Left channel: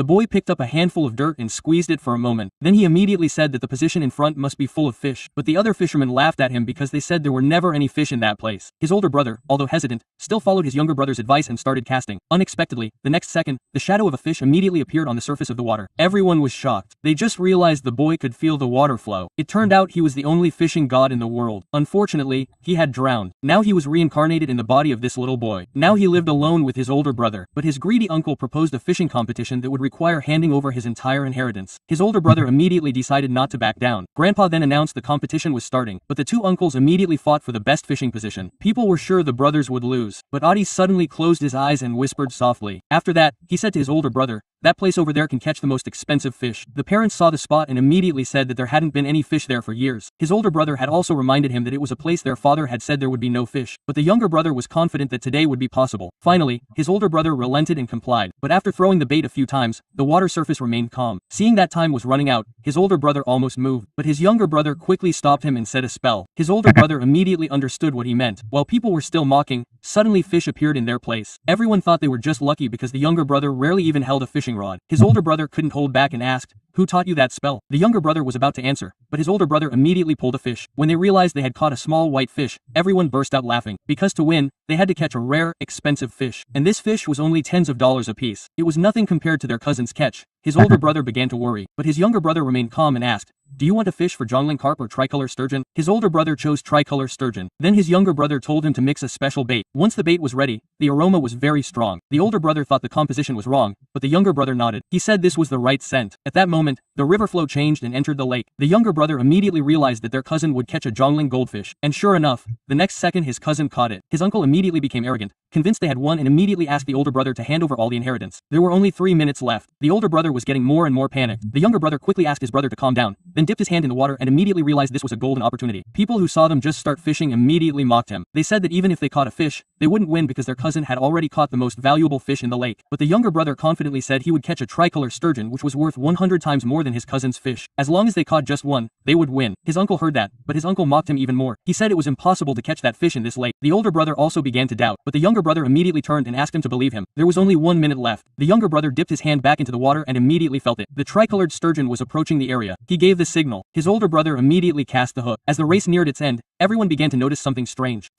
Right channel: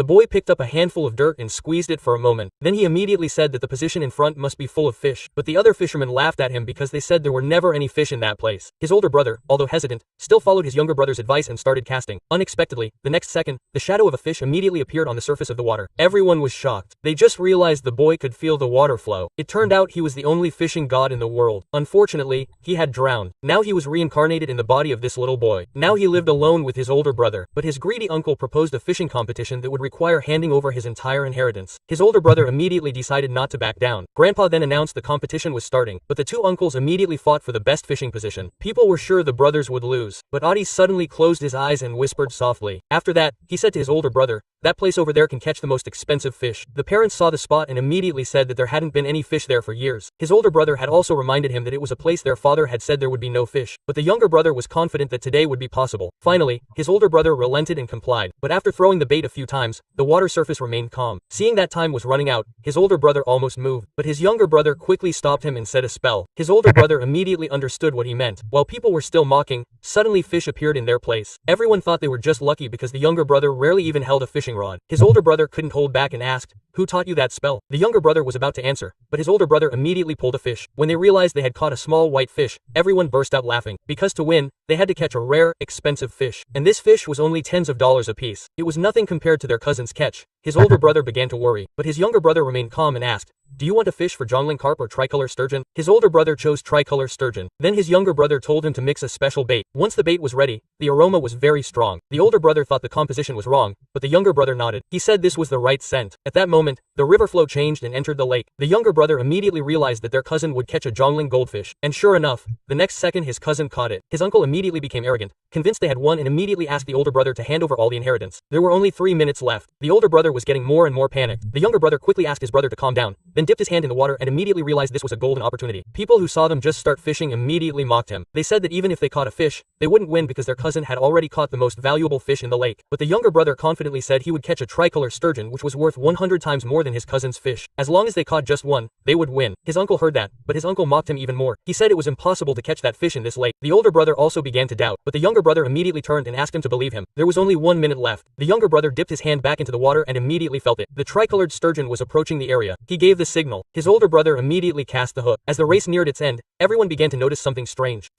The boy picked up a handful of dirt and squeezed it for a moment. Then he immediately said that the position in front must be full of fish, but the other fishermen laughed at him because they said there were never any fish in that place. His older brother, although hesitant, still followed his younger brother's advice and started casting. Unexpectedly, the next second, the shadow of a fish immediately appeared on the surface of the water. Everyone was shocked. They just realized the boy could feel the water flow. It turned out he was the only fishing god in the world. Unfortunately, he had drowned. Now he was reincarnated in the body of this little boy. Now he lived alone with his older brother, but his greedy uncle proposed a fishing competition that would require handing over his entire inheritance. His older brother immediately decided not to back down. Grandpa then announced the competition was starting, but the two uncles immediately fought for the best fishing position. People were sure the brothers would lose, but Adi suddenly closed his eyes and whispered softly. After that, he said to his older brother, "That place over there can catch the most expensive fish." The parents saw the spot and immediately said that there hadn't been any fish there for years. His older brother had also reminded him that it was a place their father had said there would be no fish, but the younger brother was confident that today would be possible. Finally, his older brother relented and complied, but after throwing the bait a few times, the water surface remained calm. Seeing that time was running out, his older brother almost moved, but his younger brother quickly stopped him and said a spell. His older brother immediately understood what he meant. While people were still mocking, suddenly fish appeared in their place. Everyone thought they were just lucky because the younger brother rarely even held a fishing rod. His older brother couldn't hold back and asked, "Who taught you that spell?" The younger brother was about to answer, but his older brother immediately pulled a fish. When they realized they had caught a small white fish, everyone burst out laughing. Because to win, they had to catch a rare, expensive fish. And this fish was only tens of dollars a piece. It was nothing compared to their cousin's catch. His older brother began to worry, but his younger brother remained calm and asked, "Do you want a fish for jongling carp or tricolor sturgeon?" His older brother chose tricolor sturgeon. Then his younger brother told him to mix a special bait. Once the bait was ready, the aroma was very strong. The older brother thought the composition was wrong, but the younger brother nodded. He said this was the right scent. At that moment, the river flow changed and entered the lake. The younger brother immediately realized that their cousin would catch a jongling goldfish, and sure enough, the next second his cousin caught it. His uncle immediately became arrogant, convinced they had won, and immediately asked the older brother to hand over all the inheritance. There were only 3 minutes left. The older brother was getting more and more panicked. The younger brother quickly asked his brother to calm down, then dipped his hand in the water and immediately realized this was a golden opportunity. People who saw them just start fishing immediately mocked him. They said that even if they caught a fish, they wouldn't win because their cousin had already caught the most valuable fish in the lake. But the younger brother confidently said he would catch a tricolor sturgeon, which was worth 100 times more than his cousin's fish. As long as they caught just one, they would win. His uncle heard that, but his uncle mocked him even more. He said it was impossible to catch that fish in this lake. The older brother also began to doubt, but the younger brother immediately turned and asked him to believe him. There was only 1 minute left. The younger brother dipped his hand back into the water and immediately felt it. The tricolored sturgeon was approaching the area. He gave the signal. His older brother immediately cast the hook. As the race neared its end, everyone began to notice something strange.